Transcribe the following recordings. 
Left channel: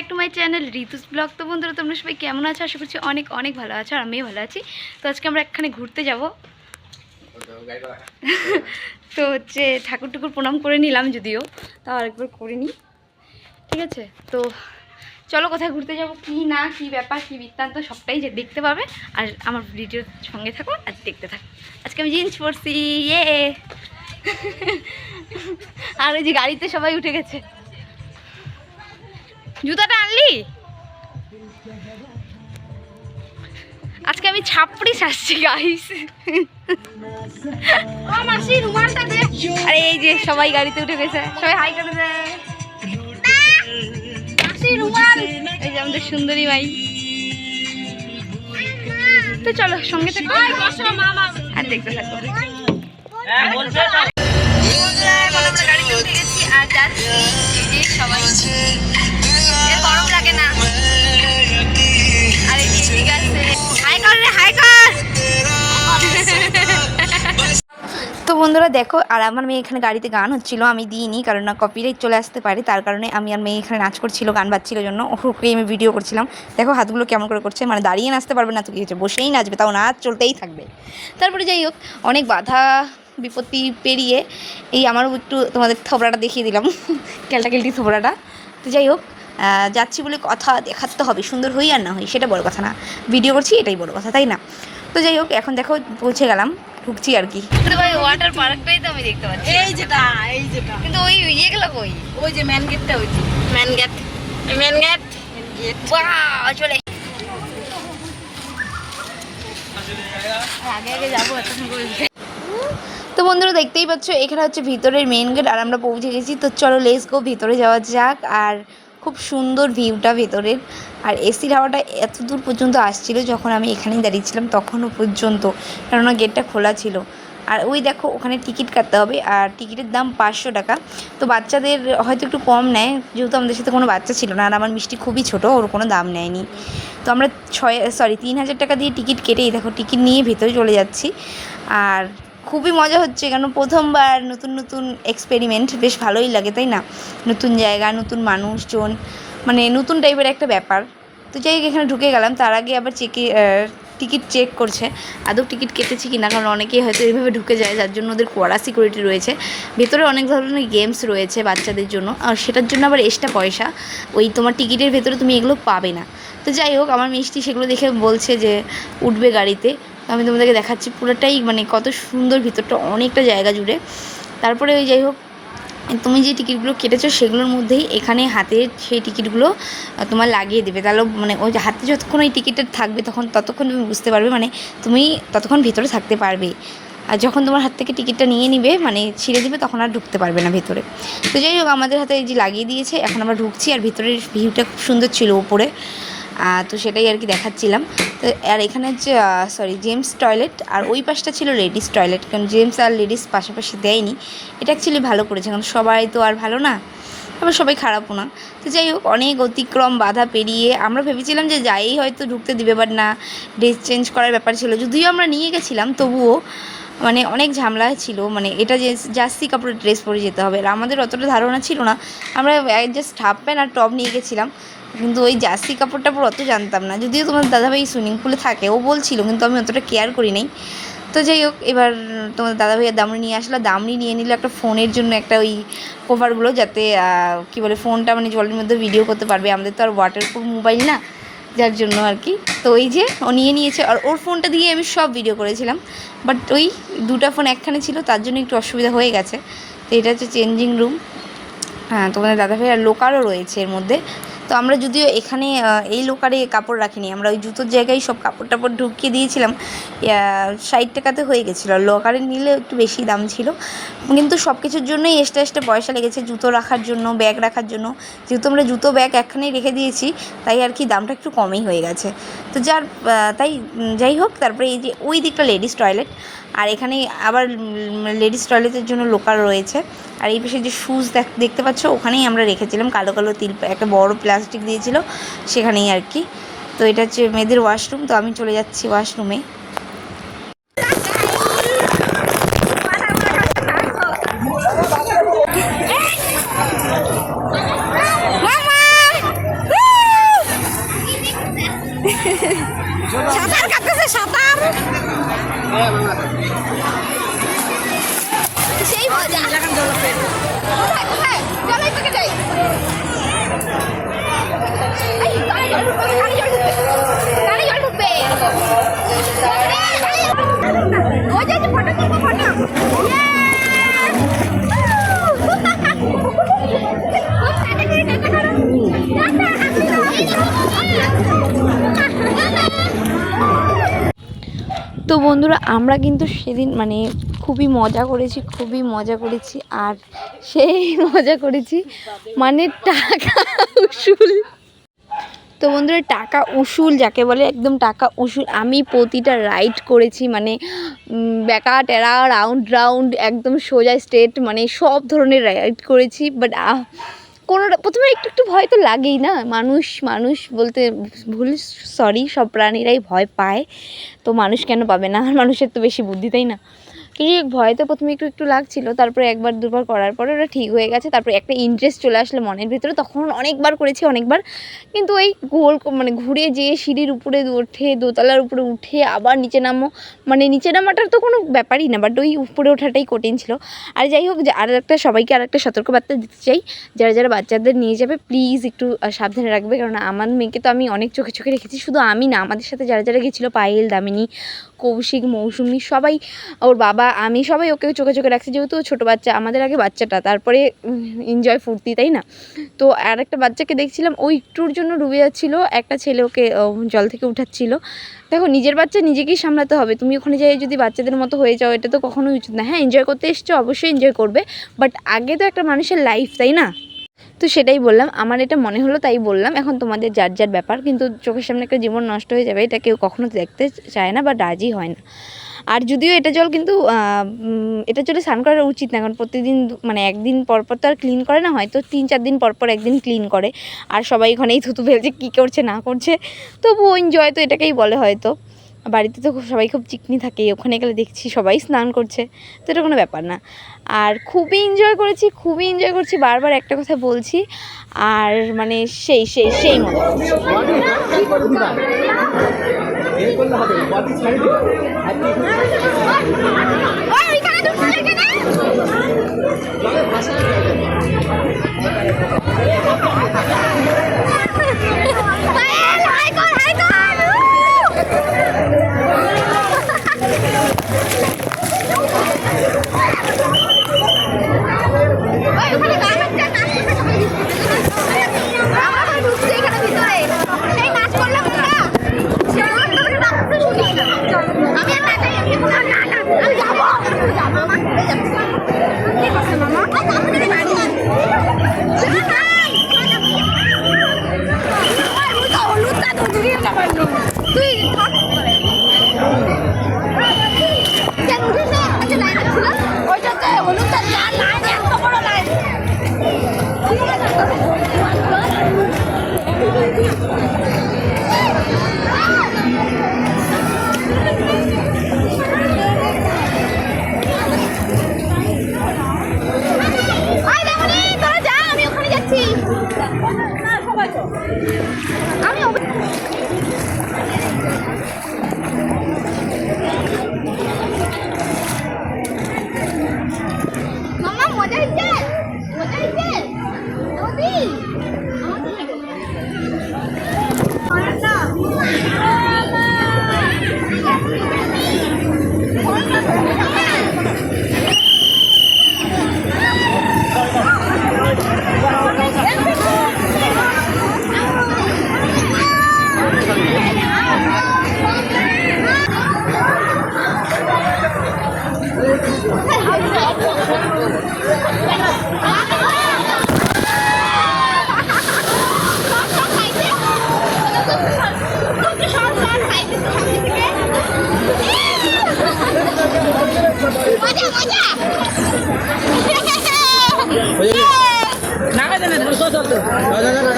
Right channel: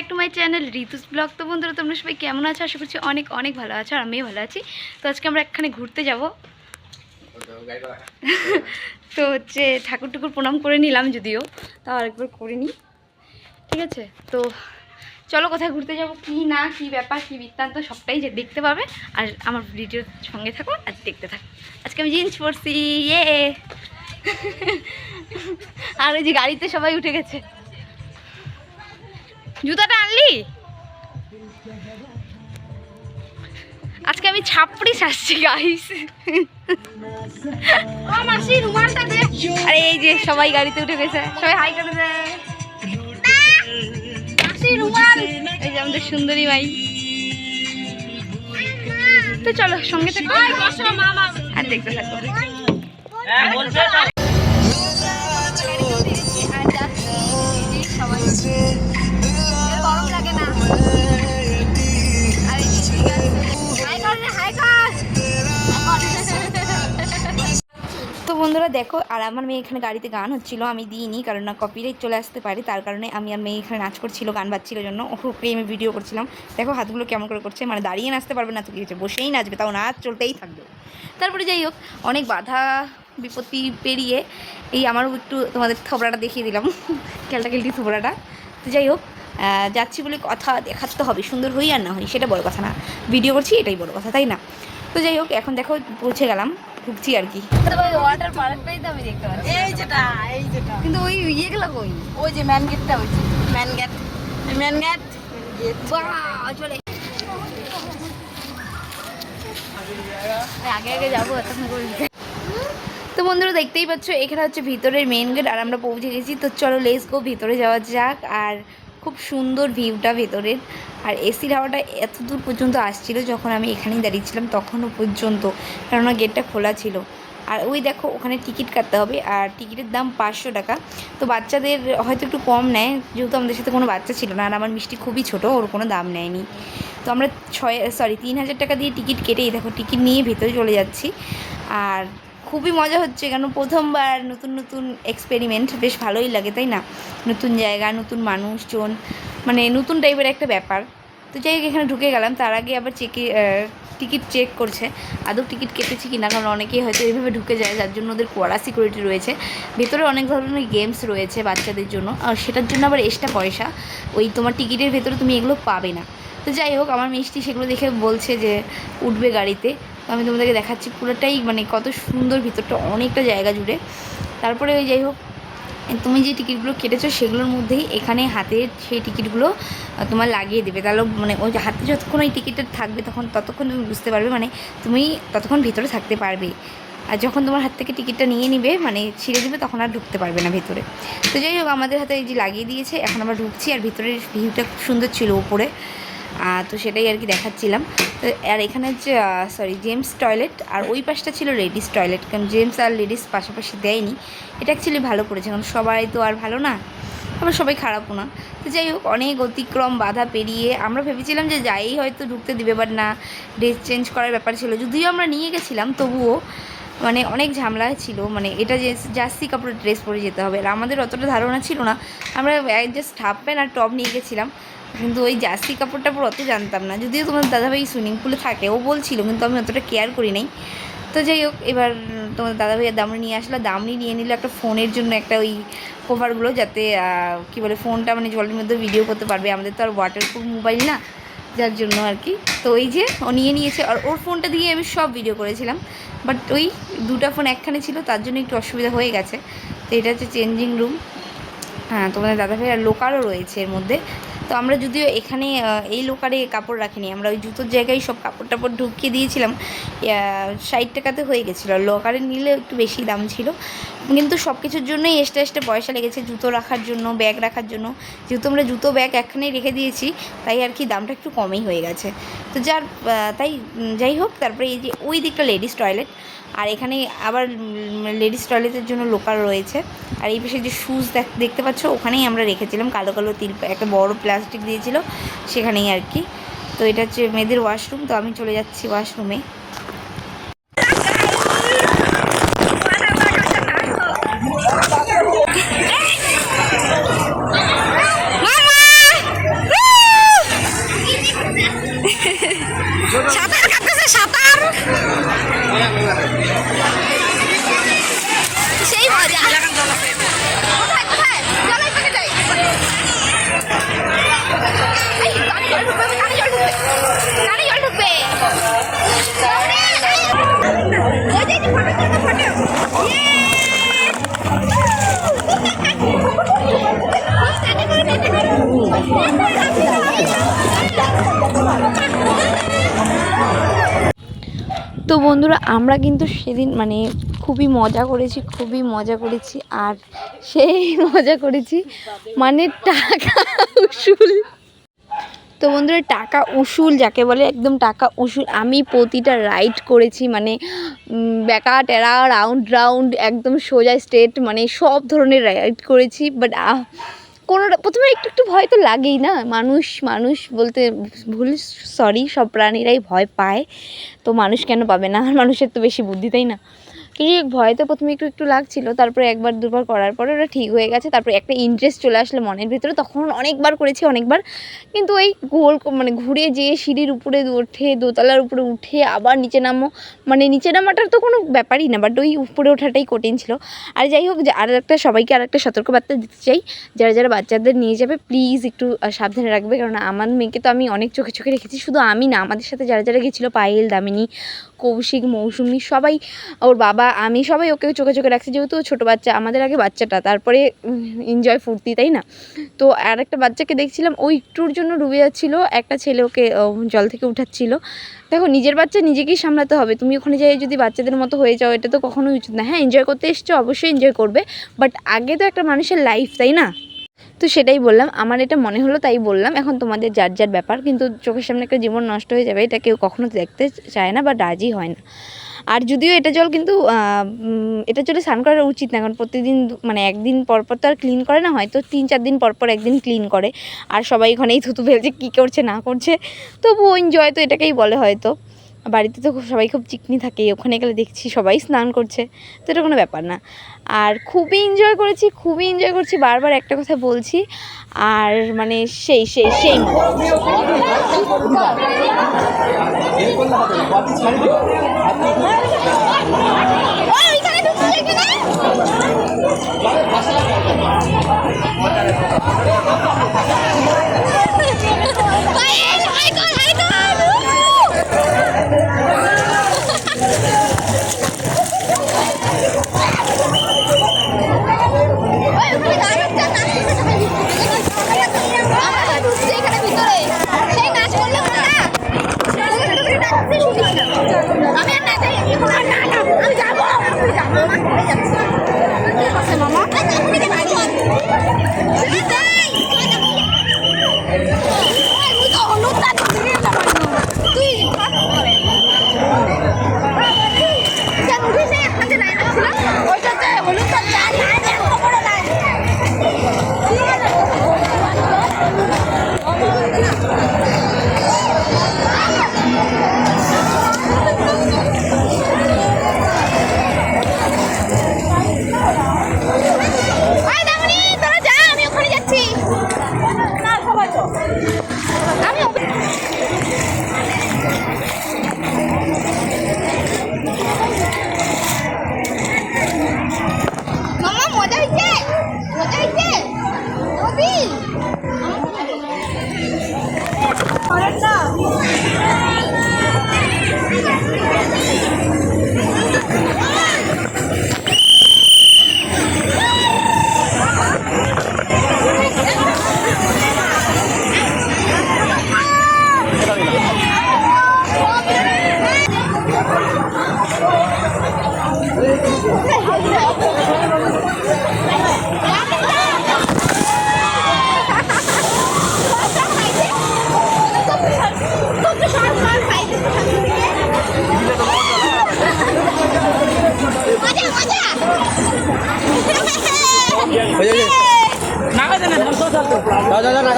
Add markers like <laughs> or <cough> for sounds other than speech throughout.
Back to my channel Ritu's blog তো বন্ধুরা, তোমরা সবাই কেমন আছো? আশা করছি অনেক অনেক ভালো আছো আর আমিও ভালো আছি। তো আজকে আমরা একখানে ঘুরতে যাব। <laughs> তো হচ্ছে ঠাকুর টুকুর প্রণাম করে নিলাম যদিও, তাও আরেকবার করে নিই। ঠিক আছে? তো চলো কোথায় ঘুরতে যাব, কি না, কি ব্যাপার, কি বৃত্তান্ত, সবটাই যে দেখতে পাবে। আর আমার ভিডিওর সঙ্গে থাকো আর দেখতে থাকো। আজকে আমি জিন্স পরছি ইয়ে। <laughs> আর ওই যে গাড়িতে সবাই উঠে গেছে। জুতাটা আনলি? আজকে আমি ছাপড়ি সাজছি গাইস আরে এই যে সবাই গাড়িতে উঠে গেছে। সবাই হাই করে দেয় এই যে আমাদের সুন্দরী ভাই। তো চলো সঙ্গে থাকো আর দেখতে থাকো। দেখো, আর আমার মেয়ে এখানে গাড়িতে গান হচ্ছিল, আমি দিইনি, কারণ না কপিরাইট চলে আসতে পারে, তার কারণে আমি আর মেয়ে এখানে নাচ করছিল, গান বাজছিল জন্য ওকে আমি ভিডিও করছিলাম। দেখো, হাতগুলো কেমন করে করছে মানে দাঁড়িয়ে নাচতে পারবে না, তো কি হচ্ছে বসেই নাচবে, তাও নাচ চলতেই থাকবে। তারপরে যাই হোক, অনেক বাধা, বিপত্তি পেরিয়ে, এই আমারও একটু তোমাদের থবড়াটা দেখিয়ে দিলাম <laughs> কেলটা কেলটি থবড়াটা তো যাই হোক যাচ্ছি বলে কথা দেখাতে হবে, সুন্দর হই আর না হই, সেটা বড় কথা না। ভিডিও করছি, এটাই বড় কথা, তাই না? তো যাই হোক, এখন দেখো, পৌঁছে গেলাম। ঢুকছি আর কি। ওয়াটার পার্কটাই তো আমি দেখতে পাচ্ছি। এই যেটা এই যেটা। কিন্তু ওই ইয়েগুলো কই? ওই যে ম্যান গেটটা ওই যে। Man gate man gate gate বাহ চলে। আগে আগে যাব এত তো বন্ধুরা দেখতেই পাচ্ছ এখানে হচ্ছে ভিতরের মেন গেট আর আমরা পৌঁছে গেছি। তো চলো লেস গো ভিতরে যাওয়া যাক। আর খুব সুন্দর ভিউটা ভেতরের। আর এসির হাওয়াটা এত দূর পর্যন্ত আসছিল যখন আমি এখানেই দাঁড়িয়েছিলাম তখনও পর্যন্ত, কেননা গেটটা খোলা ছিল। আর ওই দেখো, ওখানে টিকিট কাটতে হবে, আর টিকিটের দাম পাঁচশো টাকা। তো বাচ্চাদের হয়তো একটু কম নেয়, যেহেতু আমাদের সাথে কোনো বাচ্চা ছিল না, আর আমার মিষ্টি খুবই ছোট, ওর কোনো দাম নেয়নি। তো আমরা ছয় সরি তিন হাজার টাকা দিয়ে টিকিট কেটেই দেখো, টিকিট নিয়ে ভেতরে চলে যাচ্ছি। আর খুবই মজা হচ্ছে কেন প্রথমবার নতুন নতুন এক্সপেরিমেন্ট বেশ ভালোই লাগে, তাই না? নতুন জায়গা, নতুন মানুষজন মানে নতুন টাইপের একটা ব্যাপার। তো যাই এখানে ঢুকে গেলাম। তার আগে আবার চেকে টিকিট চেক করছে। আদৌ টিকিট কেটেছি কি না কারণ অনেকেই হয়তো এইভাবে ঢুকে যায়, যার জন্য ওদের কড়া সিকিউরিটি রয়েছে। ভেতরে অনেক ধরনের গেমস রয়েছে বাচ্চাদের জন্য। আর সেটার জন্য আবার এক্সট্রা পয়সা। ওই তোমার টিকিটের ভেতরে তুমি এগুলো পাবে না। তো যাই হোক, আমার মিষ্টি সেগুলো দেখে বলছে যে, উঠবে গাড়িতে। আমি তোমাদেরকে দেখাচ্ছি পুরোটাই মানে কত সুন্দর ভিতরটা, অনেকটা জায়গা জুড়ে। তারপরে ওই যাই হোক, তুমি যে টিকিটগুলো কেটেছো সেগুলোর মধ্যেই এখানে হাতে সেই টিকিটগুলো তোমার লাগিয়ে দেবে। তাহলে মানে ওই হাতে যতক্ষণ ওই টিকিটটা থাকবে তখন, ততক্ষণ তুমি বুঝতে পারবে মানে তুমি ততক্ষণ ভিতরে থাকতে পারবে। আর যখন তোমার হাত থেকে টিকিটটা নিয়ে নিবে মানে ছিঁড়ে দেবে, তখন আর ঢুকতে পারবে না ভিতরে। তো যাই হোক, আমাদের হাতে এই যে লাগিয়ে দিয়েছে, এখন আমরা ঢুকছি, আর ভিতরের ভিউটা খুব সুন্দর ছিল উপরে। তো সেটাই আর কি দেখাচ্ছিলাম। তো আর এখানে হচ্ছে সরি জেমস টয়লেট আর ওই পাশটা ছিল লেডিস টয়লেট কারণ জেমস আর লেডিস পাশাপাশি দেয়নি। এটা অ্যাকচুয়ালি ভালো করেছে, কারণ সবাই তো আর ভালো না, আবার সবাই খারাপও না। তো যাই হোক, অনেক অতিক্রম, বাধা পেরিয়ে আমরা ভেবেছিলাম যে যাই হয়তো ঢুকতে দিবে বাট না ড্রেস চেঞ্জ করার ব্যাপার ছিল। যদিও আমরা নিয়ে গেছিলাম, তবুও মানে অনেক ঝামেলা ছিল মানে এটা যে জার্সি কাপড়ের ড্রেস পরে যেতে হবে। আর আমাদের অতটা ধারণা ছিল না। আমরা জাস্ট হাফ প্যান্ট আর টপ নিয়ে গেছিলাম। কিন্তু ওই জার্সি কাপড় টাপড় অত জানতাম না। যদিও তোমার দাদাভাই সুইমিং পুলে থাকে, ও বলছিল, কিন্তু আমি অতটা কেয়ার করি নাই। তো যাই হোক, এবার তোমার দাদাভাইয়ের দামড়ি নিয়ে আসলো। দামড়ি নিয়ে নিল একটা ফোনের জন্য একটা ওই কভারগুলো যাতে কি বলে ফোনটা মানে জলের মধ্যে ভিডিও করতে পারবে। আমাদের তো আর ওয়াটার ওয়াটারপ্রুফ মোবাইল না, যার জন্য আর কি। তো ওই যে ও নিয়ে নিয়েছে, আর ওর ফোনটা দিয়ে আমি সব ভিডিও করেছিলাম। বাট ওই দুটো ফোন একখানে ছিল, তার জন্য একটু অসুবিধা হয়ে গেছে। তো এটা হচ্ছে চেঞ্জিং রুম হ্যাঁ তোমাদের দাদাভাই আর লোকারও রয়েছে এর মধ্যে। তো আমরা যদিও এখানে এই লোকারে কাপড় রাখিনি। আমরা ওই জুতোর জায়গায় সব কাপড় টাপড় ঢুকিয়ে দিয়েছিলাম। ষাট টাকাতে হয়ে গেছিল। লোকারে নিলে একটু বেশি দাম ছিল। কিন্তু সব কিছুর জন্যই এক্সট্রা এক্সট্রা পয়সা লেগেছে জুতো রাখার জন্য ব্যাগ রাখার জন্য। যেহেতু আমরা জুতো ব্যাগ একখানেই রেখে দিয়েছি, তাই আর কি দামটা একটু কমই হয়ে গেছে। তো যার তাই যাই হোক, তারপরে এই যে, ওই দিকটা লেডিস টয়লেট আর এখানে আবার লেডিস টয়লেটের জন্য লোকাল রয়েছে। আর এই পাশে যে শুজ দেখতে পাচ্ছ, ওখানেই আমরা রেখেছিলাম। কালো কালো তিল, একটা বড় প্লাস্টিক দিয়েছিল সেখানেই আর কি। তো এটা হচ্ছে মেয়েদের ওয়াশরুম, তো আমি চলে যাচ্ছি ওয়াশরুমে। সাঁতার সাঁতার! সেই তো বন্ধুরা আমরা কিন্তু সেদিন মানে খুবই মজা করেছি, খুবই মজা করেছি। আর সেই <laughs> মজা করেছি মানে টাকা উসুল। তো বন্ধুরা, টাকা উসুল যাকে বলে, একদম টাকা উসুল। আমি প্রতিটা রাইড করেছি মানে ব্যাকা টেরা রাউন্ড রাউন্ড একদম সোজা স্ট্রেট মানে সব ধরনের রাইড করেছি। বাট কোনো প্রথমে একটু একটু ভয় তো লাগেই না। মানুষ মানুষ বলতে ভুল সরি সব প্রাণীরাই ভয় পায়। তো মানুষ কেন পাবে না? মানুষের তো বেশি বুদ্ধি, তাই না? তো যাই ভয় তো প্রথমে একটু একটু লাগছিল, তারপরে একবার, দুবার করার পরে ওটা ঠিক হয়ে গেছে, তারপরে একটা ইন্টারেস্ট চলে আসলো মনের ভিতরে, তখন অনেকবার করেছি, অনেকবার। কিন্তু ওই গোল মানে ঘুরে যেয়ে সিঁড়ির উপরে ওঠে, দোতলার উপরে উঠে আবার নিচে নামো মানে নিচে নামাটার তো কোনো ব্যাপারই না বাট ওই উপরে ওঠাটাই কঠিন ছিল। আর যাই হোক আর একটা সবাইকে আর একটা সতর্কবার্তা দিতে চাই, যারা যারা বাচ্চাদের নিয়ে যাবে প্লিজ একটু সাবধানে রাখবে কারণ আমার মেয়েকে তো আমি অনেক চোখে চোখে রেখেছি, শুধু আমি না, আমাদের সাথে যারা যারা গেছিল, পায়েল, দামিনী কৌশিক, মৌসুমি, সবাই, ওর বাবা, আমি সবাই ওকে চোখে চোখে রাখছি, যেহেতু ছোটো বাচ্চা, আমাদের আগে বাচ্চাটা, তারপরে এনজয় ফুর্তি, তাই না? তো আর একটা বাচ্চাকে দেখছিলাম, ও একটুর জন্য ডুবে যাচ্ছিল, একটা ছেলে ওকে জল থেকে উঠাচ্ছিল। দেখো, নিজের বাচ্চা নিজেকেই সামলাতে হবে, তুমি ওখানে যাই, যদি বাচ্চাদের মতো হয়ে যাও, এটা তো কখনোই উচিত না। হ্যাঁ এনজয় করতে এসছো, অবশ্যই এনজয় করবে বাট আগে তো একটা মানুষের লাইফ তাই না? তো সেটাই বললাম। আমার এটা মনে হলো, তাই বললাম। এখন তোমাদের যার যার ব্যাপার, কিন্তু চোখের সামনে একটা জীবন নষ্ট হয়ে যাবে, এটা কেউ কখনো দেখতে চায় না বা রাজি হয় না। আর যদিও এটা জল কিন্তু এটা জলে স্নান করা উচিত না, কারণ প্রতিদিন মানে একদিন পর পর তো আর ক্লিন করে না, হয়তো তিন চার দিন পর পর একদিন ক্লিন করে। আর সবাই ওখানেই থুতু ফেলছে, কী করছে, না করছে। তবুও এনজয় তো এটাকেই বলে হয়তো। বাড়িতে তো সবাই খুব চিকনি থাকে, ওখানে গেলে দেখছি সবাই স্নান করছে, তো এটা কোনো ব্যাপার না আর খুবই এনজয় করেছি, খুবই এনজয় করছি, বারবার একটা কথা বলছি, আর মানে সেই সেই সেই মজা।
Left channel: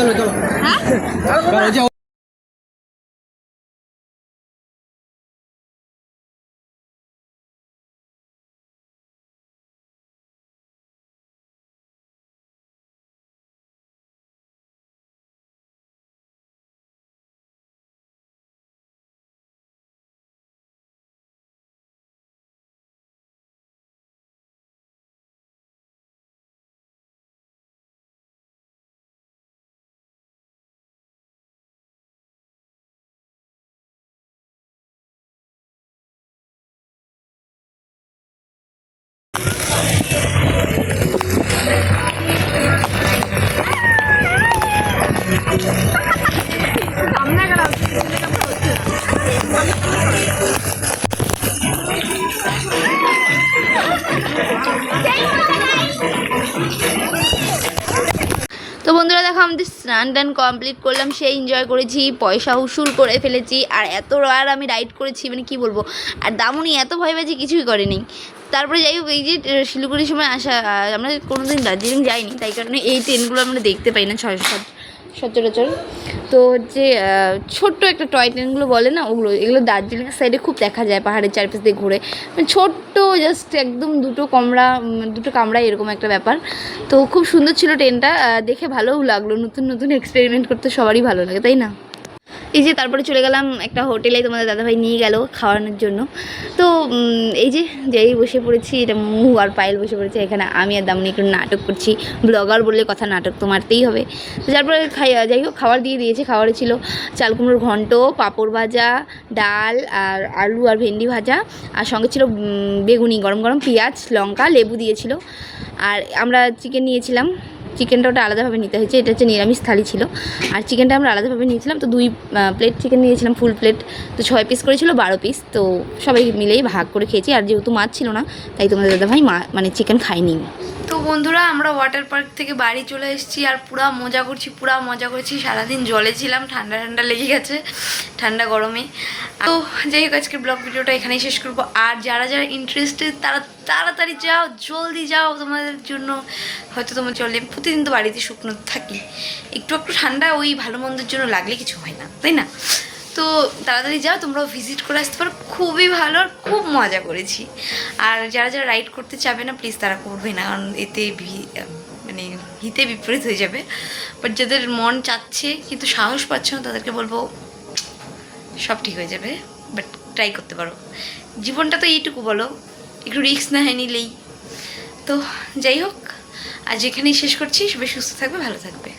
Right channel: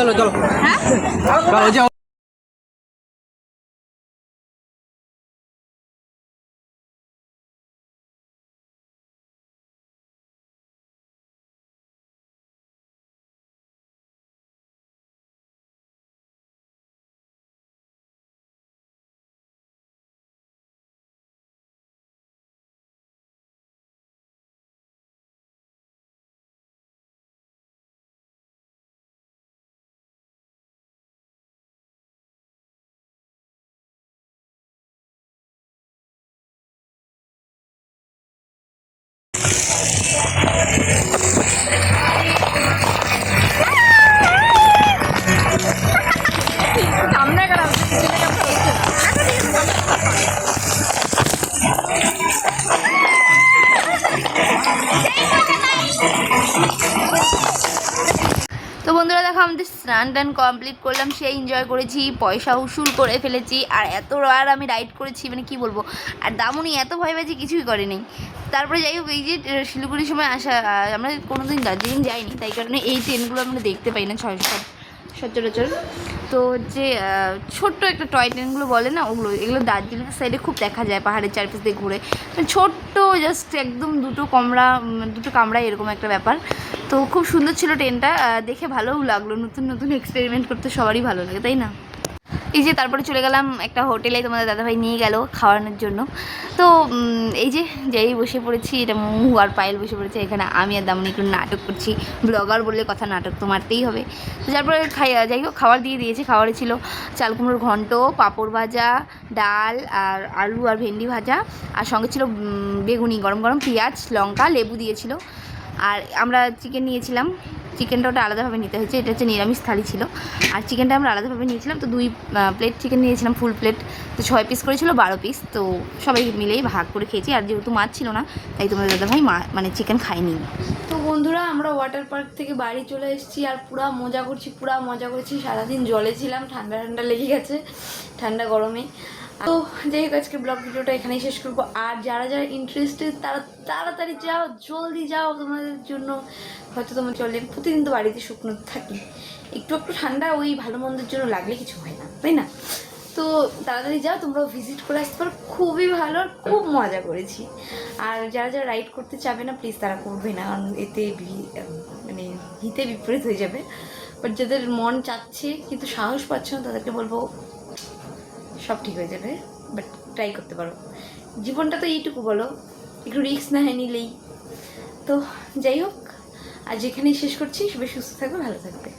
দেন চল। চল আমাদের স্নান টান কমপ্লিট করলাম সে এনজয় করেছি, পয়সা উসুল করে ফেলেছি, আর এত আর আমি রাইড করেছি মানে কি বলব, আর দামুনি এত ভয় পেয়েছি, কিছুই করেনি। তারপরে যাই হোক, এই যে শিলিগুড়ির সময় আসা আমরা কোনোদিন দার্জিলিং যাইনি, তাই কারণে এই ট্রেনগুলো আমরা দেখতে পাই না সচরাচর। তো হচ্ছে ছোট্ট একটা টয় ট্রেনগুলো বলে না, ওগুলো, এগুলো দার্জিলিং সাইডে খুব দেখা যায়, পাহাড়ের চারপাশ দিয়ে ঘুরে। মানে ছোট্ট জাস্ট একদম দুটো কমড়া দুটো কামরা এরকম একটা ব্যাপার। তো খুব সুন্দর ছিল ট্রেনটা দেখে ভালোও লাগল, নতুন নতুন এক্সপেরিমেন্ট করতে সবারই ভালো লাগে, তাই না? এই যে তারপরে চলে গেলাম একটা হোটেলে, তোমাদের দাদাভাই নিয়ে গেল খাওয়ানোর জন্য। তো এই যে, যাই বসে পড়েছি, এটা মুহু আর পায়েল বসে পড়েছে, এখানে আমি আর দামনি একটু নাটক করছি। ব্লগার বললে কথা নাটক তো মারতেই হবে। তো তারপরে খাই, যাই হোক, খাবার দিয়ে দিয়েছে, খাবারে ছিল চাল কুমড়োর ঘন্ট, পাঁপড় ভাজা, ডাল আর আলু আর ভেন্ডি ভাজা। আর সঙ্গে ছিল বেগুনি, গরম গরম পেঁয়াজ, লঙ্কা, লেবু দিয়েছিল। আর আমরা চিকেন নিয়েছিলাম। চিকেনটা ওটা আলাদাভাবে নিতে হয়েছে। এটা হচ্ছে নিরামিষ থালি ছিল। আর চিকেনটা আমরা আলাদাভাবে নিয়েছিলাম। তো দুই প্লেট চিকেন নিয়েছিলাম ফুল প্লেট তো ছয় পিস করেছিল, বারো পিস তো সবাই মিলেই ভাগ করে খেয়েছি। আর যেহেতু মাছ ছিল না, তাই তোমাদের দাদাভাই মা মানে চিকেন খাইনি তো বন্ধুরা, আমরা ওয়াটার পার্ক থেকে বাড়ি চলে এসেছি আর পুরা মজা করছি, পুরা মজা করছি। সারাদিন জলে ছিলাম, ঠান্ডা ঠান্ডা লেগে গেছে, ঠান্ডা গরমে। তো যাই হোক, আজকের ব্লগ ভিডিওটা এখানেই শেষ করব। আর যারা যারা ইন্টারেস্টেড তারা তাড়াতাড়ি যাও, জলদি যাও তোমাদের জন্য। হয়তো তোমার চলে প্রতিদিন তো বাড়িতে শুকনো থাকি। একটু একটু ঠান্ডা ওই ভালো মন্দের জন্য লাগলে কিছু হয় না, তাই না? তো তাড়াতাড়ি যাও, তোমরাও ভিজিট করে আসতে পারো। খুবই ভালো আর খুব মজা করেছি। আর যারা যারা রাইড করতে চাবে না প্লিজ তারা করবে না। কারণ এতে মানে হিতে বিপরীত হয়ে যাবে। বাট যাদের মন চাচ্ছে কিন্তু সাহস পাচ্ছে না, তাদেরকে বলব সব ঠিক হয়ে যাবে। বাট ট্রাই করতে পারো। জীবনটা তো এইটুকু বলো। একটু রিক্স না হয় নিলেই। তো যাই হোক, আজ এখানেই শেষ করছি। সবাই সুস্থ থাকবে, ভালো থাকবে।